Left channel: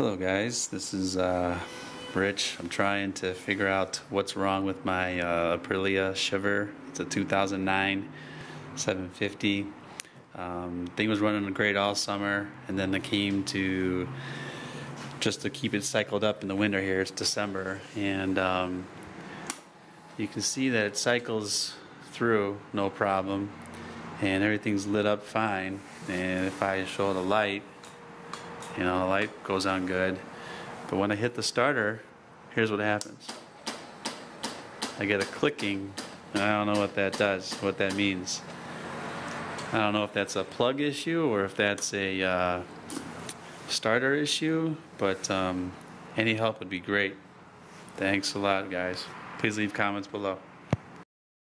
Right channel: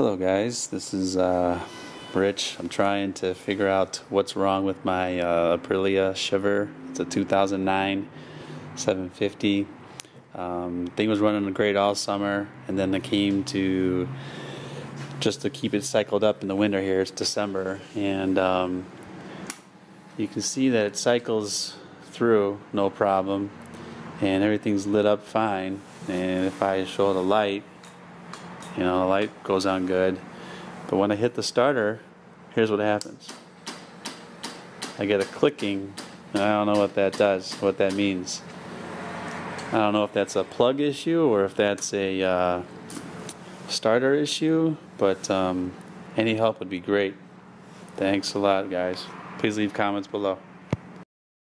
Hello guys, this is Rich. I'm trying to figure out what's wrong with my Aprila shiver. It's a 2009 750. Thing was running great all summer, and then it came to just to keep it cycled up in the winter here. It's December, and you can see that it cycles through no problem, and everything's lit up fine. And if I show the light, you know, the light goes on good. But when I hit the starter, here's what happens. I get a clicking, and I don't know what that does, what that means. I don't know if that's a plug issue or if that's a starter issue, but any help would be great. Thanks a lot, guys. Please leave comments below.